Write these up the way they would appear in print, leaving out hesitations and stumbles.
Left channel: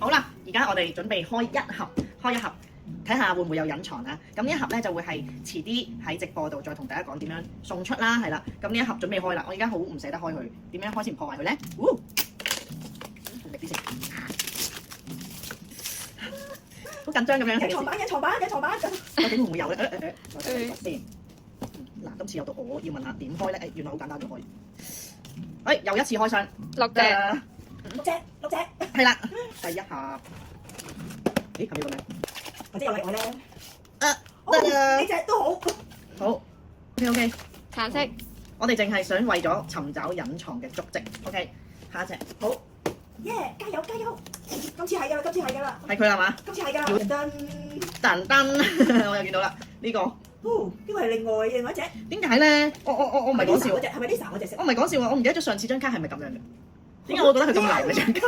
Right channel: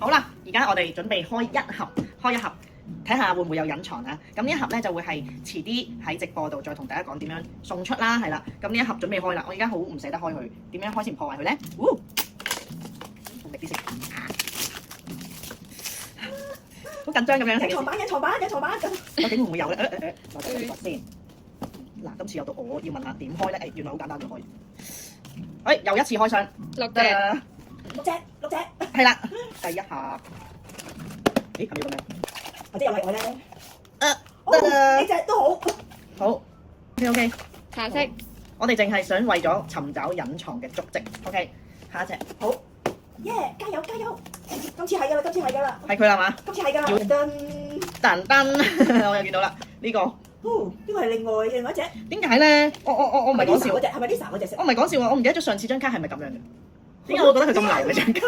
好啦，而家我哋準備開一盒，睇下會唔會有隱藏啊？咁呢一盒咧就會係遲啲喺直播度再同大家講點樣送出啦，係啦。咁呢一盒準備開啦，我而家好唔捨得開佢，點樣開先唔破壞佢咧？準備啲先，好緊張咁樣。隱藏版咁。究竟會唔會有咧？我睇睇先。嗱，今次有個我要問下點開咧？原來好簡單就可以。又一次開箱，六隻，係啦，第一盒。咦，係咪咁樣？或者又係我咧？呢隻都好。好 ，OK， 橙色。我哋淨係想為咗尋找隱藏嘅足跡。OK， 下一隻。好，加油！今次係㗎啦，係佢啦嘛？今次係㗎。噔，我又見到啦，呢個。呢個係另外一隻。點解咧？我唔係講笑。係咪 Lisa 嗰隻色？我唔係講笑啊！我唔記得咗上次張卡係咪咁樣嘅？點解我覺得佢咁難嘅張卡？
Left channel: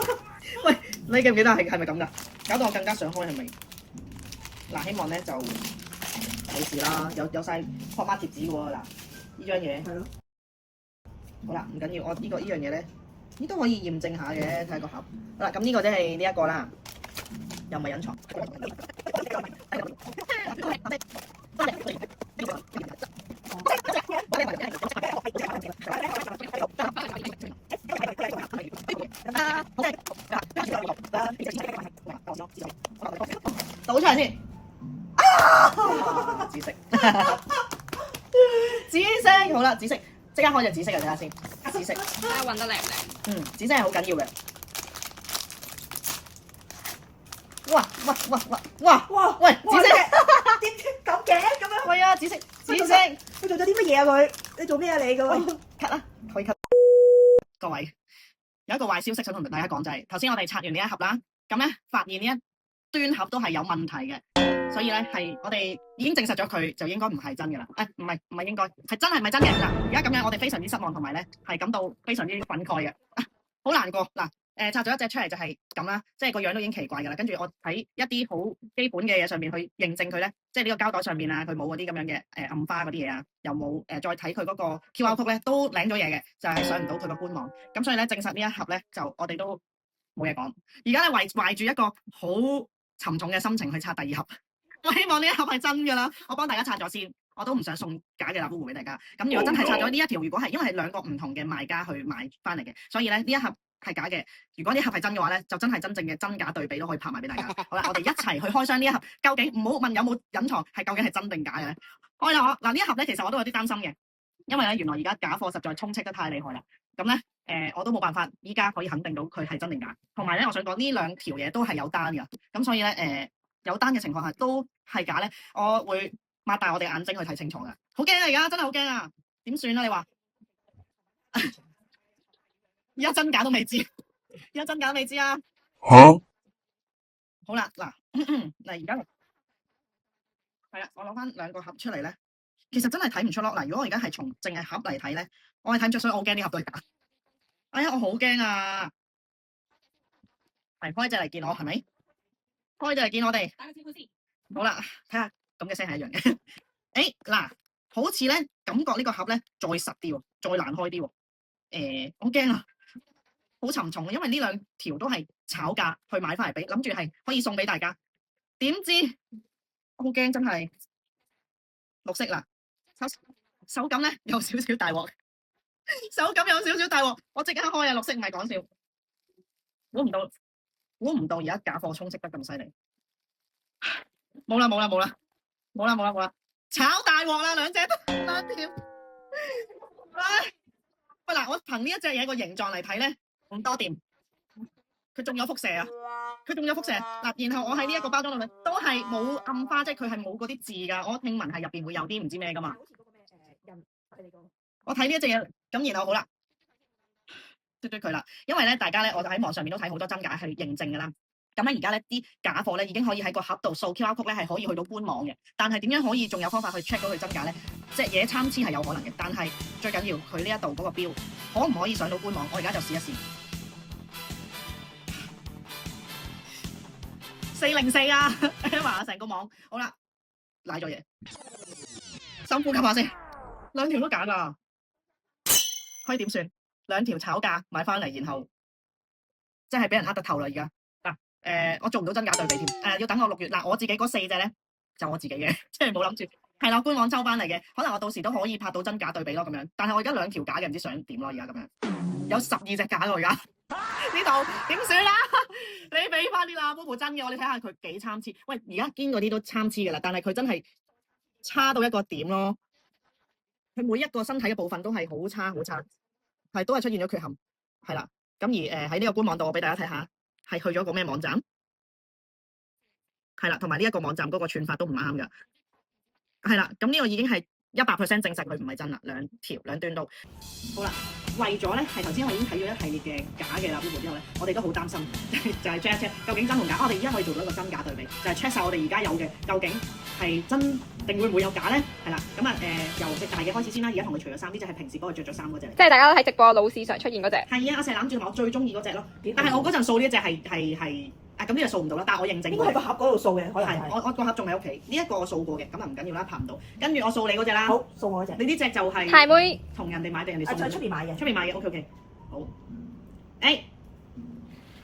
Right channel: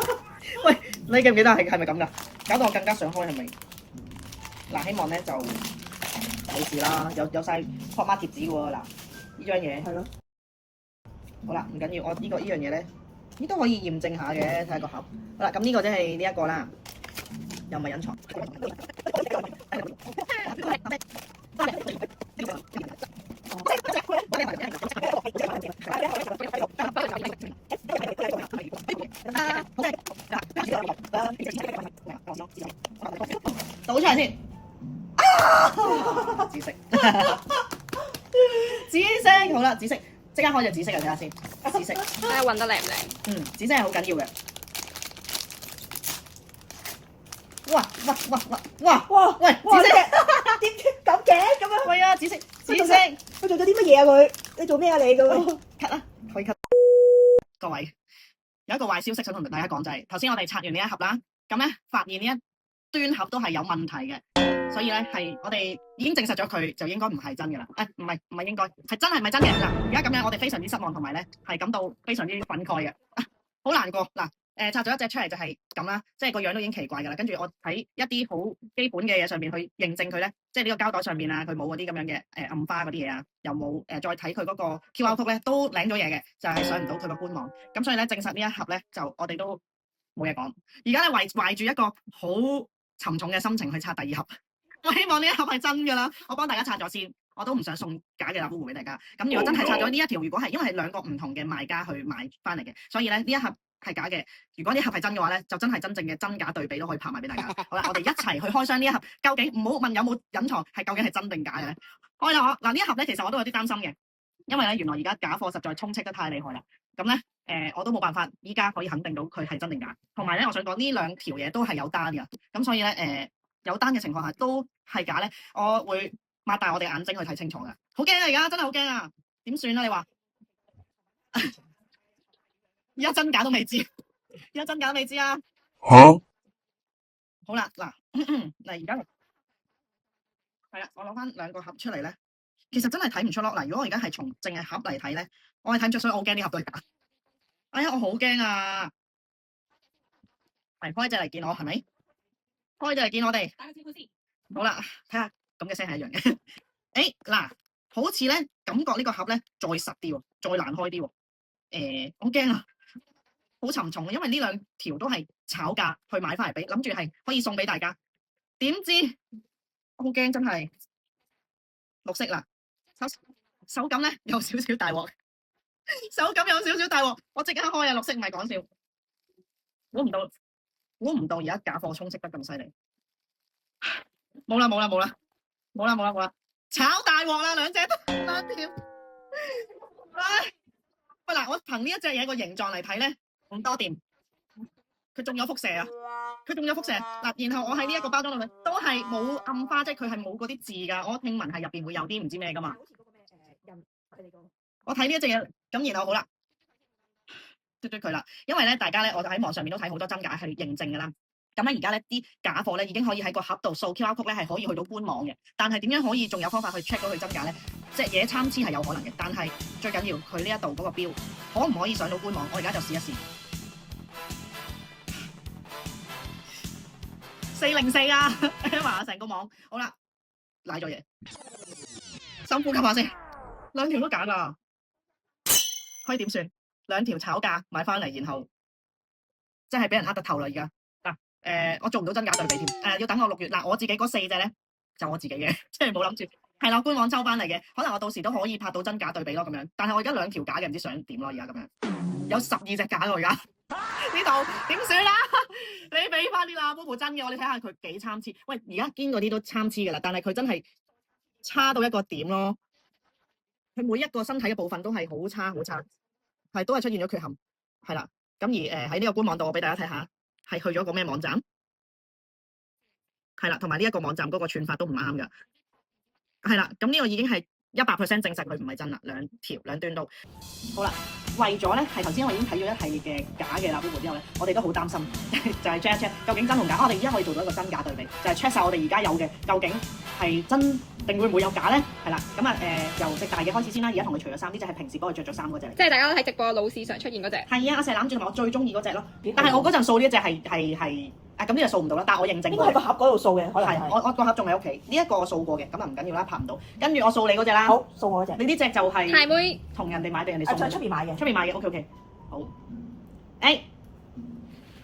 喂，你記唔記得係咪咁㗎？搞到我更加想開係咪？嗱，希望咧就冇事啦，有晒國媽貼紙喎。嗱，呢張嘢係咯。好啦，唔緊要，我呢樣嘢咧，呢都可以驗證下嘅，睇下個盒。好啦，咁呢個即係呢一個啦，又唔係隱藏。倒出嚟先。紫色，好啦，紫色，即刻開隻紫色啊！睇下先，紫色，睇下運得靚唔靚？紫色係好緊要嘅。哇！喂，紫色，點咁嘅？咁樣係啊，紫色，佢做咗啲乜嘢啊？佢，你做咩啊？你佢咳啦，可以咳。各位，有一個壞消息想同大家講，就係頭先我哋拆完呢一盒啦，咁咧發現呢一端盒都係有問題嘅，所以咧係我哋已經證實咗佢就應該唔係真嘅啦。唔係應該係真係唔係真嘅嗱。而家咁樣我哋非常之失望，同埋咧係感到非常之憤慨嘅，好難過嗱。拆咗一隻出嚟就係咁啦，即係個樣都已經奇怪㗎啦。跟住我喺一啲好基本嘅嘢上面去認證佢咧，即係呢個膠袋上面啊，佢冇嗰啲咁樣嘅暗花嗰啲嘢啊，又冇再睇佢嗰個 QR code 咧都領咗嘢嘅，就係上唔到佢個官網。咁所以咧證實呢一盒咧就我哋都冇嘢講。而家咧懷住一個好沉重嘅心情去拆第二盒，我希望呢一盒係真㗎啦。我幫大家拆咗先，我都唔想送假嘅呼俾大家。咁如果真係拆咗呢一條，如果係因為係兩個唔同嘅賣家去買翻嚟嘅，所以咧呢一盒係假嘅。如果呢一盒係真嘅話咧，就真係真正嘅真假對比都可以拍埋俾大家。好啦，我哋一齊去開箱呢一盒，究竟唔好問有冇隱藏，係究竟係真定假嘅咧？嗱呢一盒咧，其實我都有啲擔心嘅，因為咧原來而家假貨實在充斥得太厲害啦。咁咧我都冇辦法依家可以肯定到佢係真定假。同埋咧，我想講呢兩條嘢都係有單嘅，咁所以咧有單嘅情況下都係假咧，我會擘大我哋眼睛去睇清楚嘅。好驚啊！而家真係好驚啊！點算啊？你話？而家真假都未知，啊！好啦，嗱而家係啦，我攞翻兩個盒出嚟咧，其實真係睇唔出咯。嗱，如果我而家係從淨係盒嚟睇咧，我係睇唔出，所以我好驚呢盒都係假。哎呀，我好驚啊！嚟開隻嚟見我係咪？開隻嚟見我哋。好啦，睇下咁嘅聲係一樣嘅。嗱，好似咧感覺呢個盒咧再實啲喎，再難開啲喎。好驚啊！好沉重，因為呢兩條都係炒價去買翻嚟俾，諗住係可以送俾大家。點知我好驚，真係綠色啦，手感咧有少少大鑊，我即刻開啊！綠色唔係講笑，估唔到而家假貨充斥得咁犀利。冇啦，炒大鑊啦，兩條。喂嗱，我憑呢一隻嘢個形狀嚟睇咧，唔多掂。佢仲有輻射啊！嗱，然後我喺呢一個包裝裏面都係冇暗花，即係佢係冇嗰啲字㗎。我聽聞係入邊會有啲唔知咩㗎嘛。我睇呢一隻嘢，咁然後好啦，對佢啦，因為咧大家咧，我喺網上面都睇好多真假去認證㗎啦。咁咧而家咧啲假貨咧已經可以喺個盒度掃 QR code 咧係可以去到官網嘅，但係點樣可以仲有方法去 check 到佢真假咧？隻嘢參差係有可能嘅，但係最緊要佢呢一度嗰個標可唔可以上到官網？我而家就試一試。404啊 ，Emma 成個網好啦，賴咗嘢，深呼吸下先，兩條都假㗎，可以點算？兩條炒價買翻嚟，然後即係俾人呃得透啦而家。我做唔到真假對比添。要等我6月嗱，我自己嗰4隻咧就我自己嘅，即係冇諗住係啦，官網抽翻嚟嘅，可能我到時都可以拍到真假對比咯咁樣。但係我而家2條假嘅，唔知想點咯，而家咁樣有12隻假咯，而家呢度點算啦？你俾翻啲啦，Bobo 真嘅，我你睇下佢幾參差。喂，而家堅嗰啲都參差㗎啦，但係佢真係差到一個點咯。佢每一個身體嘅部分都係好差，係都係出現咗缺陷，係啦。咁而喺呢個官網度，我俾大家睇下，係去咗個咩網站？係啦，同埋呢一個網站嗰個串法都唔啱㗎。係啦，咁呢個已經係100% 證實佢唔係真啦，兩端都好啦。為咗咧係頭先我已經睇咗一系列嘅假嘅啦，Bobo之後咧，我哋都好擔心，就係 check 究竟真同假。我哋而家可以做到一個真假對比，就係 check 晒我哋而家有嘅究竟係真定會唔會有假咧？係啦，咁由隻大嘅開始先啦。而家同佢除咗衫，呢隻係平時幫佢着咗衫嗰隻嚟。即係大家都喺直播老市場出現嗰隻。係啊，阿石攬住我最中意嗰隻咯。但係我嗰陣掃呢隻係咁呢個掃唔到啦，但係我認證應該係個盒嗰度掃嘅，可能係。我個盒仲喺屋企，呢一個我掃過嘅，咁啊唔緊要啦，拍唔到。跟住我掃你嗰隻啦。好，送我嗰隻。你呢隻就係鞋妹同人哋買定人哋送。喺出邊買嘅。出邊買嘅 ，OK。好。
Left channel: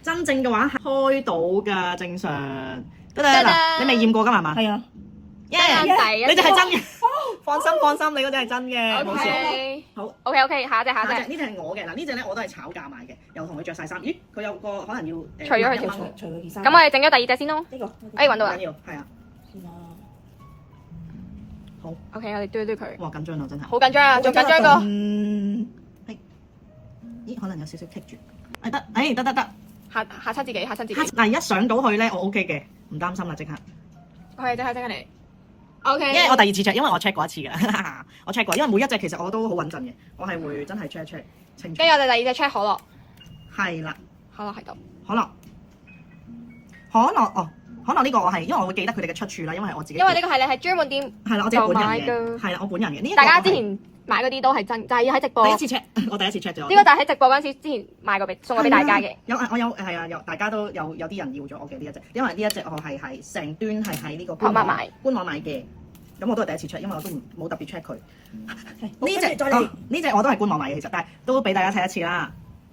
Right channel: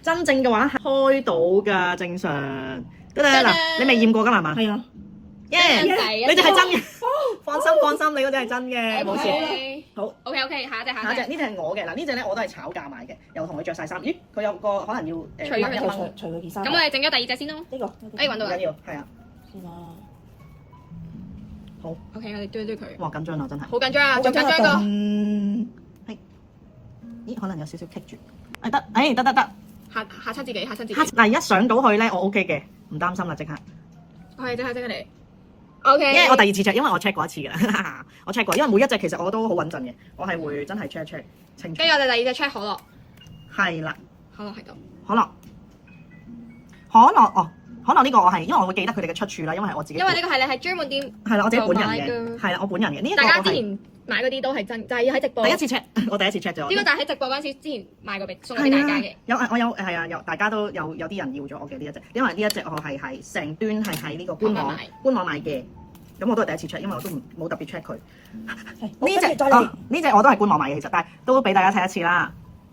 真正嘅話係開到㗎，正常。得啦嗱，你未驗過㗎係嘛？係啊。你哋係真嘅。放心，你嗰隻係真嘅，冇事。好 ，OK， 下一隻。呢隻係我嘅嗱，呢隻咧我都係炒價買嘅，又同佢着晒衫。咦，佢有個可能要除咗佢條褲，除咗件衫。咁我哋整咗第二隻先咯。呢個，揾到啦。緊要，係啊。先啦。好 ，OK，我哋追佢。哇，緊張啊，真係。好緊張啊！最緊張一個。咦，可能有少少棘住。得。嚇親自己。嗱，一上到去咧，我 OK 嘅，唔擔心啦，即刻。我係即刻嚟。OK。因為我第2次 check，因為我 check 過一次嘅，我 check 過，因為每一隻其實我都好穩陣嘅，我係會真係 check 清楚。跟住我哋第2隻 check 可樂。係啦。可樂喺度。可樂呢個我係，因為我會記得佢哋嘅出處啦，因為係我自己。因為呢個係你係專門店。係啦，我自己本人嘅。係啦，我本人嘅。大家之前買嗰啲都係真，就係喺直播。第一次 check，我第一次 check 咗。呢個就喺直播嗰陣時之前買過送過俾大家嘅。有大家都有啲人要咗我嘅呢一隻，因為呢一隻我係成端係喺呢個官網買嘅。咁我都係第一次 check，因為我都冇特別 check 佢。呢隻我都係官網買嘅，其實，但係都俾大家睇一次啦。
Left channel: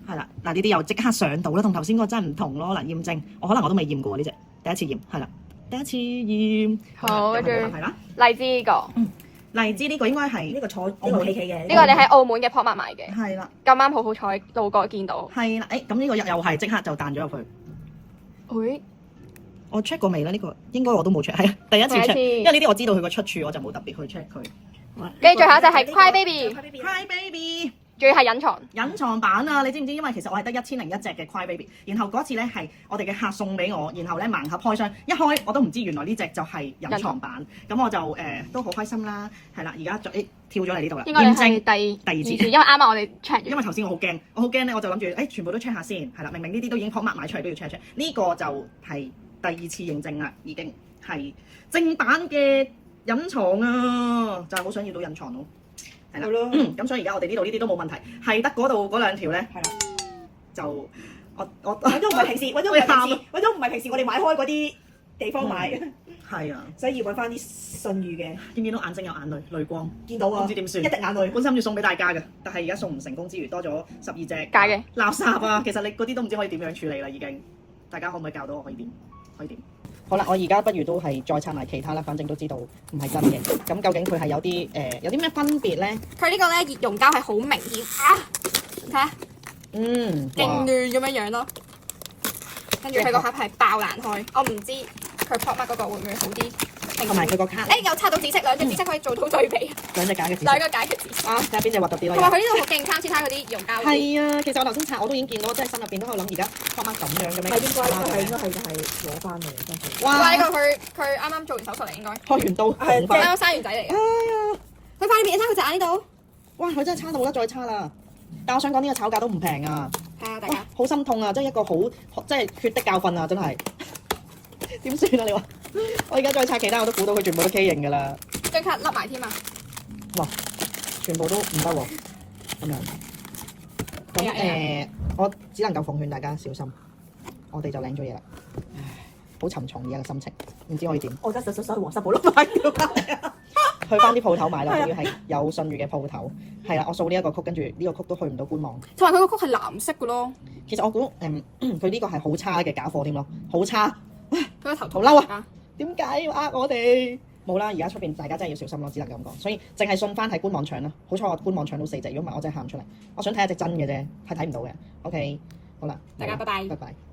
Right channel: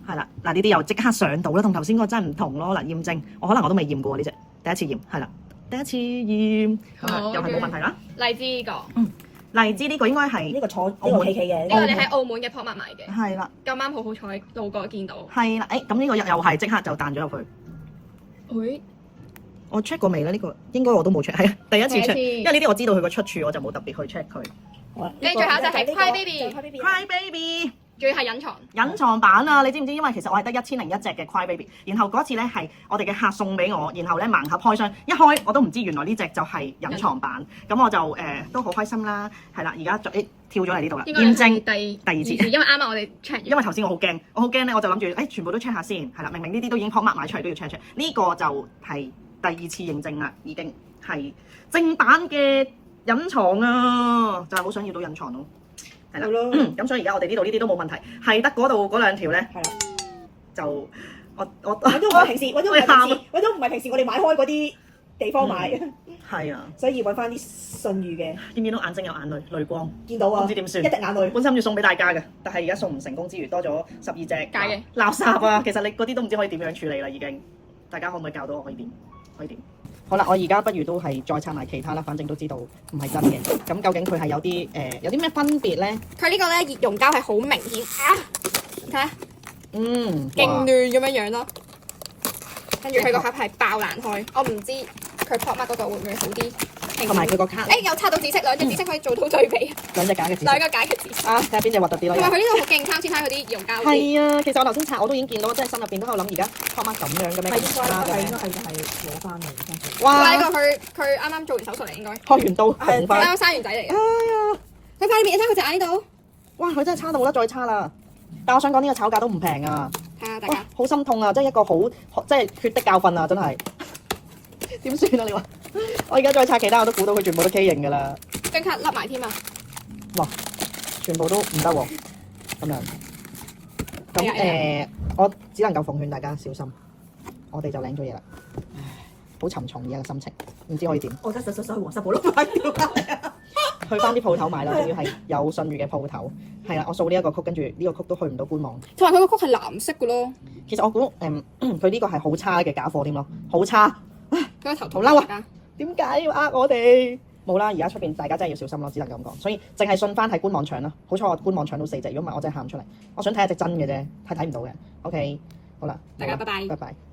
係啦，嗱呢啲又即刻上到啦，同頭先嗰個真係唔同咯。嗱，驗證，可能我都未驗過呢隻，第一次驗，係啦，第一次驗，好，又係冇問題啦。荔枝呢個，荔枝呢個應該係呢個坐澳門企嘅，呢個你喺澳門嘅 Pop Mart 買嘅，係啦，咁啱好彩路過見到，係啦，咁呢個又係即刻就彈咗入去。會，我 check 過未咧？呢個應該我都冇 check，係啊，第一次 check，因為呢啲我知道佢個出處，我就冇特別去 check 佢。好啦，跟住最後一隻係 Cry Baby。仲要係隱藏版啊！你知唔知？因為其實我係得1001隻嘅 Cry Baby， 然後嗰次咧係我哋嘅客送俾我，然後咧盲盒開箱，一開我都唔知原來呢隻就係隱藏版，咁我就都好開心啦，係啦，而家就跳咗嚟呢度啦，驗證第二次，因為啱啱我哋 check， 因為頭先我好驚咧，我就諗住全部都 check 下先，係啦，明明呢啲都已經 Pop Mart 買出嚟都要 check，呢個就係第2次認證啦，已經係正版嘅隱藏啊，就係好想要到隱藏咯。係啦，咁所以而家我哋呢度呢啲都冇問題，係得嗰度嗰2條咧，係啦，就我都唔係平時，我都唔係平時我哋買開嗰啲地方買嘅，係啊，所以要揾翻啲信譽嘅。見唔見到眼睛有眼淚光？見到啊，唔知點算，一滴眼淚。本身要送俾大家嘅，但係而家送唔成功之餘，多咗12隻假嘅垃圾啊！其實你嗰啲都唔知可以點樣處理啦，已經。大家可唔可以教到我可以點？好啦，我而家不如都係再撐埋其他啦，反正都知道唔係真嘅。咁究竟佢係有啲咩分別咧？佢呢個咧熱熔膠係好明顯啊！睇下，勁亂咁樣咯。跟住佢個盒係爆爛開，我唔知佢 Pop Mart嗰個會唔會好啲。同埋佢個卡，有插到紫色，2隻紫色可以做到對比。2隻假嘅紫色。2個假嘅紫色。睇下邊隻核突啲咯。同埋佢呢度好勁，參差嗰啲熱熔膠。係啊，其實我頭先拆我都已經見到，即係心入邊都喺度諗而家 Pop Mart 咁樣嘅咩？係攞翻嚟。哇！呢個佢啱啱做完手術嚟應該。開完刀紅翻。啱啱生完仔嚟嘅。你塊面，你睇佢隻眼呢度。哇！佢真係差到啦，再差啦。但我想講呢個炒價都唔平啊。係啊，大家。好心痛啊！即係一個即係血的教訓啊！真係。點算啊？你話？我而家再拆其他，我都估到佢全部都畸形㗎啦。張卡甩埋添啊！哇！全部都唔得喎，咁樣。咁我只能夠奉勸大家小心，我哋就領咗嘢啦。唉，好沉重嘅心情，唔知可以點。我而家想黃室寶碌買掉。去翻啲鋪頭買啦，要係有信譽嘅鋪頭。係啦，我掃呢一個曲，跟住呢個曲都去唔到官網。同埋佢個曲係藍色嘅咯。其實我估佢呢個係好差嘅假貨添咯，好差。佢個頭好嬲啊！點解要呃我哋？冇啦，而家出邊大家真係要小心咯，只能咁講。所以淨係信翻喺官網搶啦。好彩我官網搶到4隻，如果唔係我真係喊出嚟。我想睇下隻真嘅啫，係睇唔到嘅。OK，好啦，大家拜拜。拜拜。